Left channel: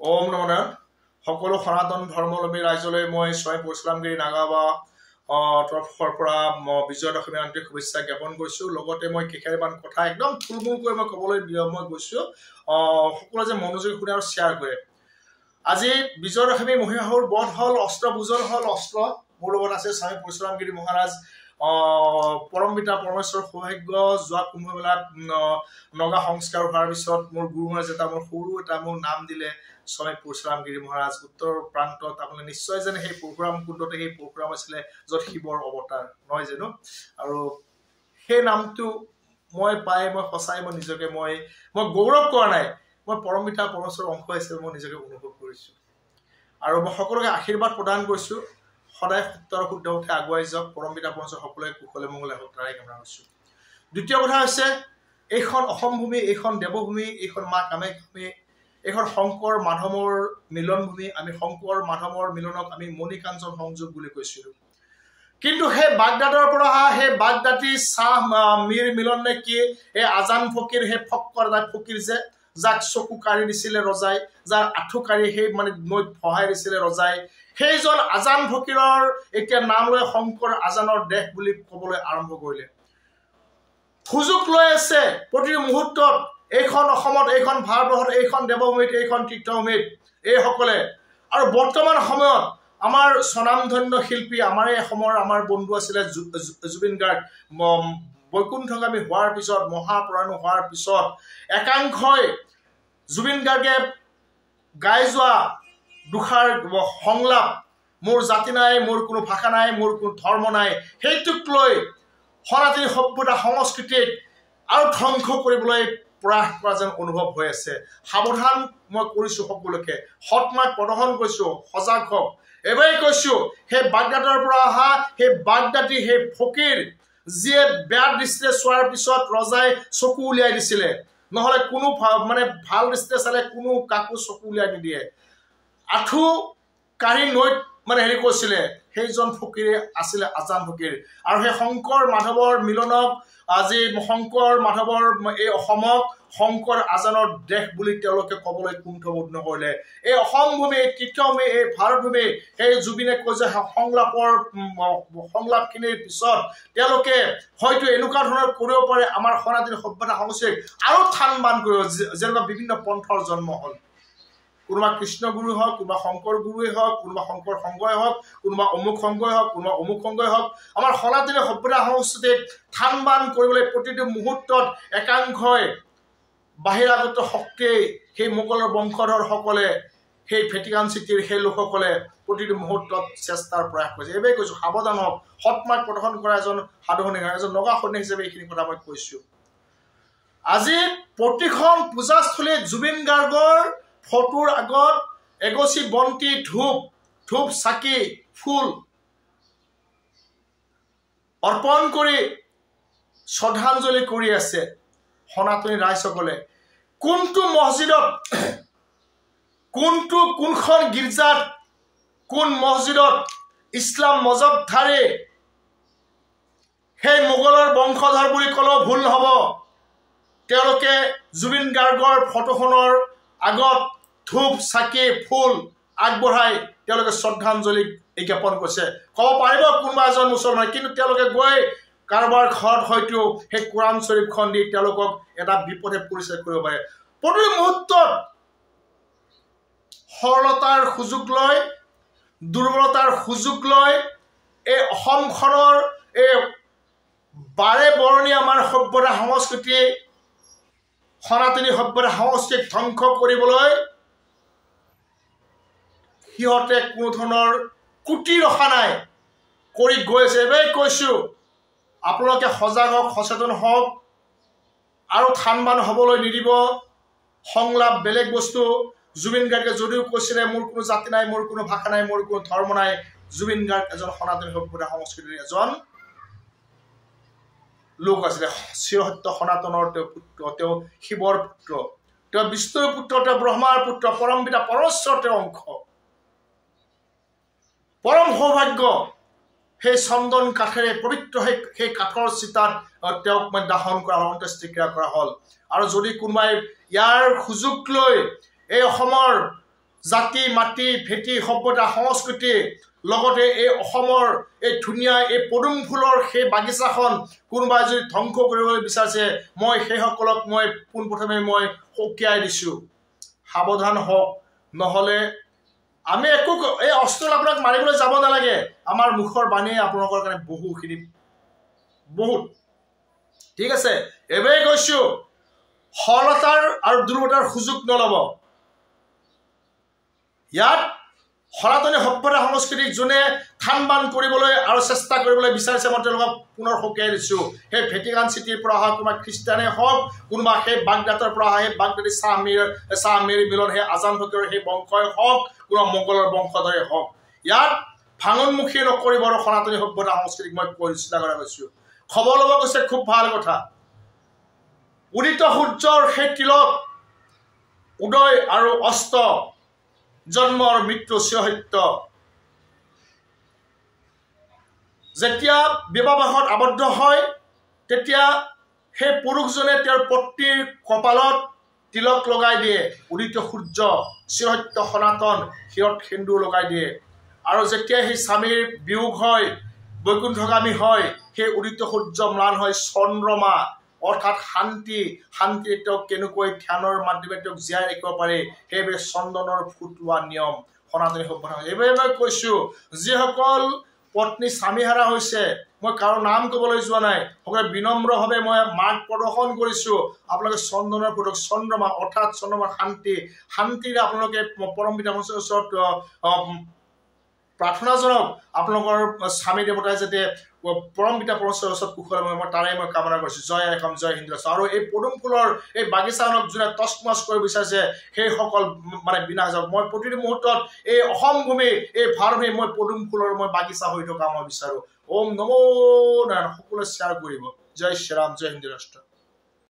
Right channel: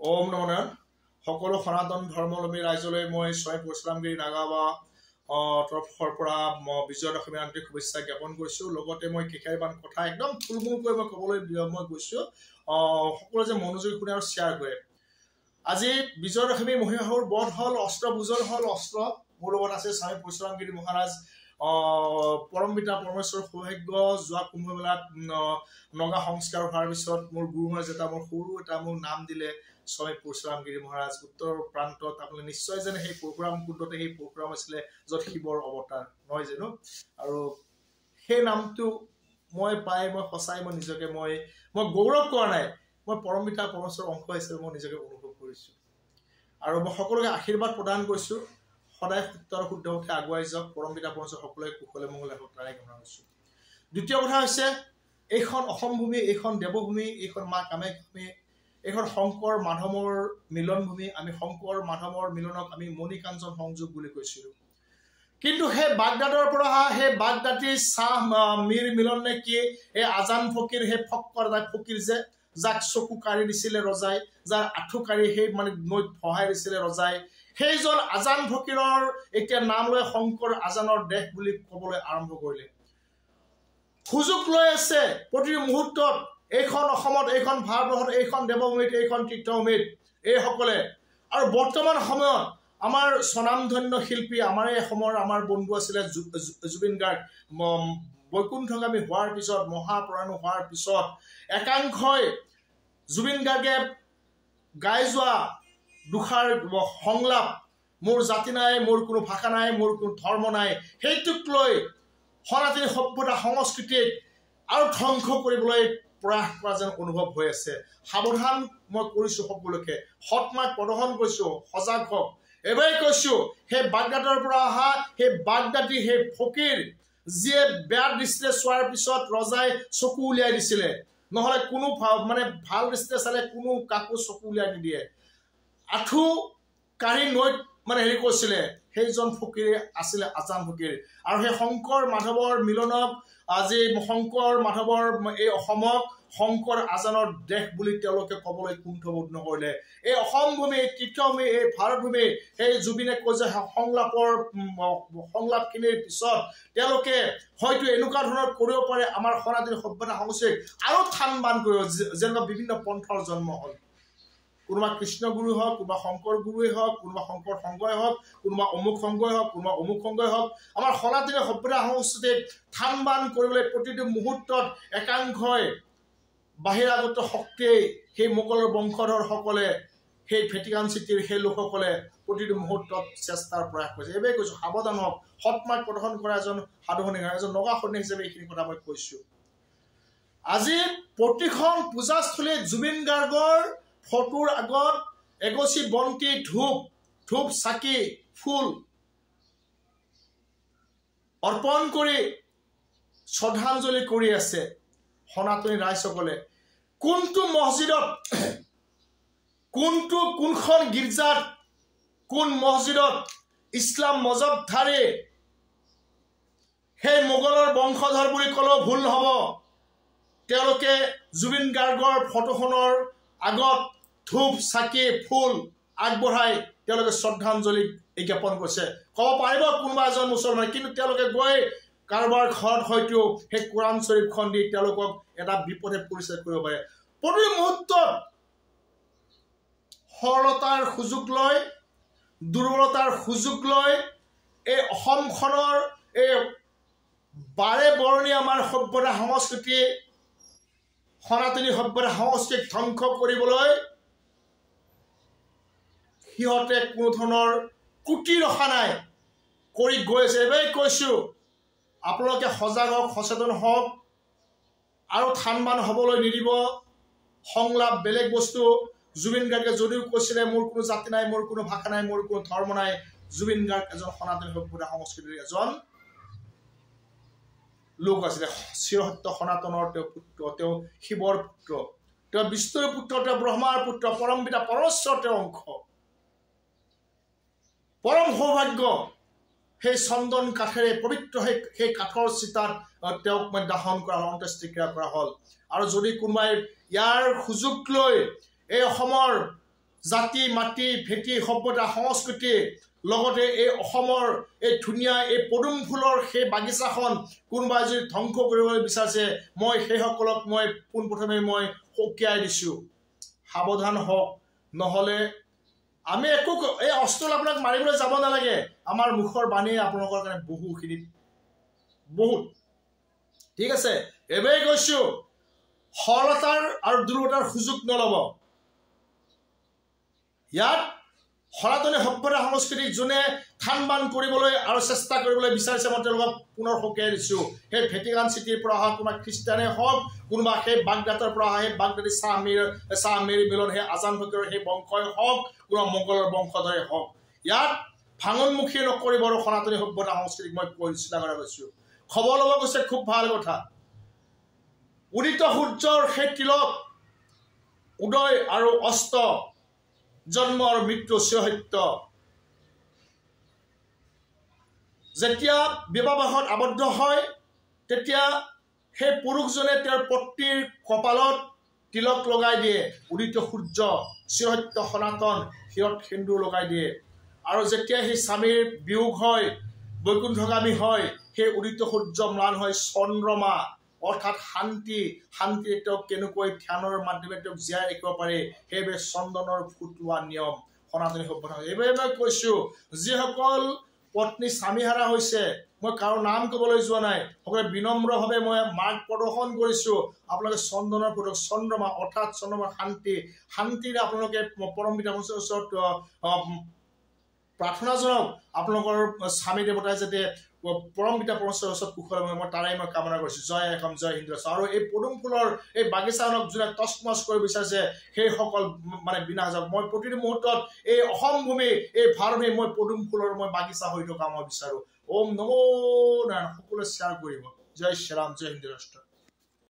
ওম নমঃ নাৰায়ণ। সকলো সনাতন ধৰ্মাৱলম্বী ৰাইজলৈ মই স্বয়ং পৰশুৰামগিৰি নাগাবা তৰফৰ পৰা বিজয় দশমী আন্তৰিক শুভেচ্ছা জ্ঞাপন কৰিছোঁ। লগতে মই কেইটামান কথা একদম থুলমূলকৈ মই ক'বলৈ মই গৈছোঁ, সকলোৱে যে মনোযোগী শুনে আৰু শ্বেয়াৰ কৰে। আজি বিজয় দশমী মহীশাসুৰ বধ হ'ল, অস্ত্ৰ পূজন হ'ল। অস্ত্ৰ মোৰ লগত আছে স্বামী পৰশুৰামগিৰি মহাৰাজ, পৰম পিতা পৰমেশ্বৰ সৌভাগ্য। যোৱা কুম্ভমেলাত নগা সংস্কাৰ হোৱাৰ পিছত মোৰ গুৰু মহাৰাজ এটা মোৰ সৰু এটা মোৰ নাম দিলে স্বামী পৰশুৰামগিৰি মহাৰাজ। উত্তৰ প্ৰান্তত আপোনালোকে নিশ্চয় জানে সেই পৰশুৰাম কুণ্ডতে সেই পৰশুৰাম আছিলে য'ত শিৱৰ অৱতাৰ, নহয় জানো? আৰু সেই নামটো মই পাই মই সঁচাই মই নিজকে মই গৌৰৱ কৰা নাই, মই পৰম পিতা পৰমেশ্বৰৰ অংশ হিচাপে মই নিজকে অনুভৱ কৰিছোঁ। আৰু মই সকলোকে আশীৰ্বাদ প্ৰদান কৰিছোঁ, সদায় সত্য আৰু শুদ্ধ পথে আগুৱাই যাওক। পৰম পিতা পৰমেশ্বৰ সকলোৱে কুশলে মংগলে হওক তাৰে কামনা কৰিছোঁ। দ্বিতীয় কথা হৈছে, এইখন অসম ভূমি, এইখন দেৱভূমি, এইখন মা কামাখ্যা ভূমি, এইখন শংকৰ মাধৱৰ মিলন ভূমি। আমি শংকৰ মাধৱৰ মিলনক আমি মণিকাঞ্চন সংযোগ বুলি কৈছিলোঁ। কিন্তু সেই বাগদাদৰ পৰা অহা সেই বাগদাদী চাহ মীৰ মিলন নে কি, এই আজান ফকীৰ, সেই ফক্কৰ ফকীৰ যে যাক চকু কাঢ়ি দিছিলে ৰজাই, যাৰ আঁঠু কাঢ়ি সেই মানে নৈত সহায় দিছিলে ৰজাই, সেইজন আজান ফকীৰৰ এতিয়া নাম লৈ শংকৰ আজানৰ দেশ বুলি ক'বলৈ আৰম্ভ কৰিলে। সুযোগ লৈ আছে প্ৰতিটো মুহূৰ্তত এইখন অসমত, এইখন ভাৰতবৰ্ষত, এইখন দেৱভূমিত, এইখন তীৰ্থভূমিত এইসকলে। আৰু বৰ্তমান সময়ত আমাৰ স্বনামধন্য শিল্পী, আমাৰ এই অসমৰ আমাৰ বন্ধু আছিলে জুবিন গাৰ্গ। বৈকুণ্ঠগামী হোৱাৰ পিছত, মহাপ্ৰয়াণ হোৱাৰ পিছত একাংশই জুবিন গাৰ্গে গাই যোৱা দুষাৰ সংলাপ, মোৰ জাতি নাই, মোৰ কোনো ভাষা নাই, মোৰ কোনো ধৰ্ম নাই, সেইটোক লৈ সনাতনী সভ্যতা সংস্কৃতিক আৰু ধ্বংস কৰিবলৈ প্ৰয়াস কৰা যেন অনুভৱ হৈ আছে। সাৱধান মই কৰিছোঁ সকলোকে, সৎমাৰ্গ প্ৰদৰ্শন কৰিছোঁ, সজাগ হওক। এবাৰেই কৈছোঁ, সেই বাগদাদৰ পৰা অহা সেই বাগদাদী সেই ফকীৰ যিয়ে বেয়া দৃষ্টিৰে চোৱাৰ পিছত ৰজাই চকু উলিয়াই দিছিলে, নহ'লে কোনো মানে ভাল দৃষ্টিৰে চালে কোনো কাকো চকু উলিয়াই নিদিয়ে। আঁঠু কাঢ়ি নৈত মানে হেৰি কৰিছিলে, সেইজন ফকীৰে আছিলে আজান ফকীৰ। আৰু সেই শংকৰ মাধৱৰ মিলনক আজি শংকৰ মাধৱৰ এই অসমক শংকৰ আজানৰ দেশ বুলি তেওঁলোকে ক'বলৈ কুণ্ঠবোধ নকৰিলে। এই অসম ভূমি, এই তীৰ্থভূমি, এই ভাৰত ভূমি, সেই জুবিনে কৈ যে সংলাপখিনিৰ পিছত তেওঁলোকে হয়তো এনেকুৱা ধৰণৰ কৰিব পাৰে আমাৰ সনাতনী সভ্যতা সংস্কৃতিক আৰু থান বান কৰিব, যেনেকুৱা বিভিন্ন পন্থৰ জন্ম হ'ল। কোনোবা কৃষ্ণগুৰু হওক, কোনোবা শংকৰ গুৰুৱে হওক, কোনোবা শংকৰ সংঘই হওক, কোনোবা অমুক সংঘই হওক, কোনোবা অমুক সংঘই হওক, আমাৰ সনাতনী সভ্যতা সংস্কৃতিক থান বান কৰিবলৈ প্ৰতিটো মুহূৰ্তত একাংশই বাহিৰাগত শক্তিয়ে, সেই মোগলৰ বংশধৰসকলে, সেই ভেটিকান চিটিৰ সেই লোকসকলে প্ৰতিটো মুহূৰ্তত চেষ্টাৰ প্ৰয়াস কৰিছে। এইবাৰেই কৈছোঁ, সাৱধান হওক। সৎমাৰ্গ প্ৰদৰ্শন কৰা এজন সাধু সন্ন্যাসী, এজন নগা সন্ন্যাসী হিচাপে এইখিনি কথা মই কৈছোঁ। আজি প্ৰতিখন পূজাস্থলীত জুবিন গাৰ্গৰ ফটোৰ আগত এগছি বন্তি, ধূপ চাকি, ফুল অৰ্পণ কৰি শ্ৰদ্ধাঞ্জলি কৰি আছে সনাতনী ৰাইজসকলে। কোনটো মছজিদত, কোনখন গীৰ্জাত, কোন মছজিদত ইছলাম মজহবধাৰী সেই মোগলৰ বংশধৰ বুলি ক'লেও ভুল নহ'ব, তেওঁলোকে জুবিন গাৰ্গৰ ফটোখনৰ আগত ধূপ চাকি ফুল আগবঢ়াই তেওঁলোকে শ্ৰদ্ধাঞ্জলি জ্ঞাপন কৰিছে। ক'ব পাৰিব কোনোবা এজন মুছলমানে, কিন্তু তেওঁলোকে গৈ কাৰোবাৰ ঘৰত হয়তো সেই কোৰাণ শ্বৰীফখন দি তেওঁলোকক এটা বিপদে পৰিচয় কৰিব পাৰে। প্ৰতিটো মুহূৰ্তত সৰলতাৰ সুযোগ লৈ, দুৰ্বলতাৰ সুযোগ লৈ এই অসমখনৰ এই বাৰে বৰণীয়া আমাৰ সভ্যতা সংস্কৃতি, সনাতনী সভ্যতা সংস্কৃতিক ধ্বংস কৰিবলৈ সিহঁতে কোনো ধৰণৰ কুটি ৰখা নাই, কৰি গৈ আছে। এবাৰেই কৈছোঁ, আপোনালোকে সজাগ হওক, সচেতন হওক আৰু থান বান হ'বলৈ নিদিব। সংলাপ বেলেগ বস্তু। জুবিন গাৰ্গে যদিও কৈছিলে মোৰ কোনো জাতি নাই, মোৰ কোনো ভাষা নাই, মোৰ কোনো ধৰ্ম নাই, জুবিন গাৰ্গ এজন সনাতনী সভ্যতা সংস্কৃতিৰ এজন লোক আছিলে। চিৰসত্য সনাতনৰ তেওঁ পুত্ৰ, তেওঁ শিৱৰ পুত্ৰ, তেওঁ বিষ্ণুৰ পুত্ৰ, তেওঁ ব্ৰহ্মাৰ পুত্ৰ, পৰম পিতা পৰমেশ্বৰ তেওঁৰ অংশ। পৰম সৌভাগ্য সেই চন্দন কাঠেৰে পবিত্ৰ সেই কাঠৰ চিতাত তেওঁক দাহন কৰা হ'ল, অন্ত্যেষ্টিক্ৰিয়া কৰা হ'ল। আৰু যদি কোনোবাই ইয়াৰ সুযোগ লৈ এই অসমৰ জাতি মাটি ভেটি সভ্যতা সংস্কৃতি লগতে এই অসমৰ এই ধুনীয়া এই পদুম ফুলৰ সেই বাগিচাখন কোনোবাই যদি ধ্বংস কৰিবলৈ বিচাৰিছে মই সেইসকলক মই পোনপ্ৰথমে মই সকীয়াই দিছোঁ সাৱধান হওক নহ'লে আমি একো এই অস্ত্ৰ আপোনাক মাৰিবলৈ যাব নালাগে আমাৰ মুখৰ বাণীয়ে আপোনালোকৰ কাৰণে বহুখিনি বহুত ঠিক আছে এবাৰে কৈছোঁ সৰলতাৰ আৰু দুৰ্বলতাৰ সুযোগ নল'ব ইয়াত সনাতনী সভ্যতা সংস্কৃতিক যোনে থান বান কৰিবলৈ আৰু চেষ্টা কৰিবলৈ বিচাৰিছে মই তেওঁলোকক পুনৰ সকীয়াই দিছোঁ সেই ভেটিকান চিটিৰ পৰা অহা কোনোবা খ্ৰীষ্টানে হওক কোনোবা সেই বাগদাদৰ পৰা অহা সেই বাগদাদী চাহ মেৰি মিলন সেই আজান ফকীৰৰ সেই বংশই হওক কোনোবা মোগলৰ বংশধৰে হওক ইয়াত ভাঙনমুখী নকৰিব আৰু সনাতনী সভ্যতা সংস্কৃতিক মই পৰিচিত কৰা কৈছোঁ খবৰ ল'ব কৈছে খুব ভাল কথা উদিত সূৰ্যৰ সেই তিলক উদয় আৰু অস্ত জন্ম আৰু মৃত্যু সত্য যেতিয়া বিবাহত আবদ্ধ হয় তেতিয়া সেই পুৰুষজনে তেওঁৰ পত্নীৰ কপালত তিলক লগাই দিয়ে উদিত সূৰ্য সত্য সনাতন শিৰত সেন্দুৰ লগাই দিয়ে আৰু যেতিয়া সেই স্বামীৰ বিয়োগ হয় বৈকুণ্ঠগামী হয় সেই উদিত সূৰ্য ম্লান হয় চন্দ্ৰমা অৰ্থাৎ শান্তি তেওঁক কেনেকৈ ধ্যানৰ মাধ্যমে তেওঁক জীয়াই ৰাখিব পাৰে সেইবাবে চন্দনৰ ফুটোৱা নিয়ম সনাতনী সভ্যতা এইবাবে মই কৈছোঁ যিসকল পত্নী স্বামীহাৰা হৈছে মই কাৰো নাম ক'বলৈ যোৱা নাই সকলোৱে বিনম্ৰভাৱে মই মাৰ্গ প্ৰদৰ্শন কৰিছোঁ আপোনালোকে চন্দনৰ ফুটক চন্দ্ৰমা অৰ্থাৎ চন্দ্ৰমাৰ শান্তিৰে আপোনালোকে পৰম পিতা পৰমেশ্বৰৰ ওচৰত প্ৰাৰ্থনা জনাওক আপোনালোকৰ স্বামী দেৱতাই যাতে পৰম পিতা পৰমেশ্বৰৰ ওচৰত কুশল মই তাৰে মই কামনা কৰিছোঁ জয় এখন জয় হিন্দু আৰু এই পদুম ফুলৰ এই বাগিচাখনক যোনে তছমছ কৰিব বিচাৰিছে সেইসকল মানে বিনাশ যাওক মই প্ৰতিটো মুহূৰ্তত এই অসম ভূমি এই ভাৰতভূমি মই পদুম ফুলৰ মই বাগিচা হৈ থকা মই বিচাৰোঁ ওম নমো নাৰায়ণ সকলোৱে শ্বেয়াৰ কৰিব জয় শ্ৰীৰাম জয় হিন্দু ৰাষ্ট্ৰ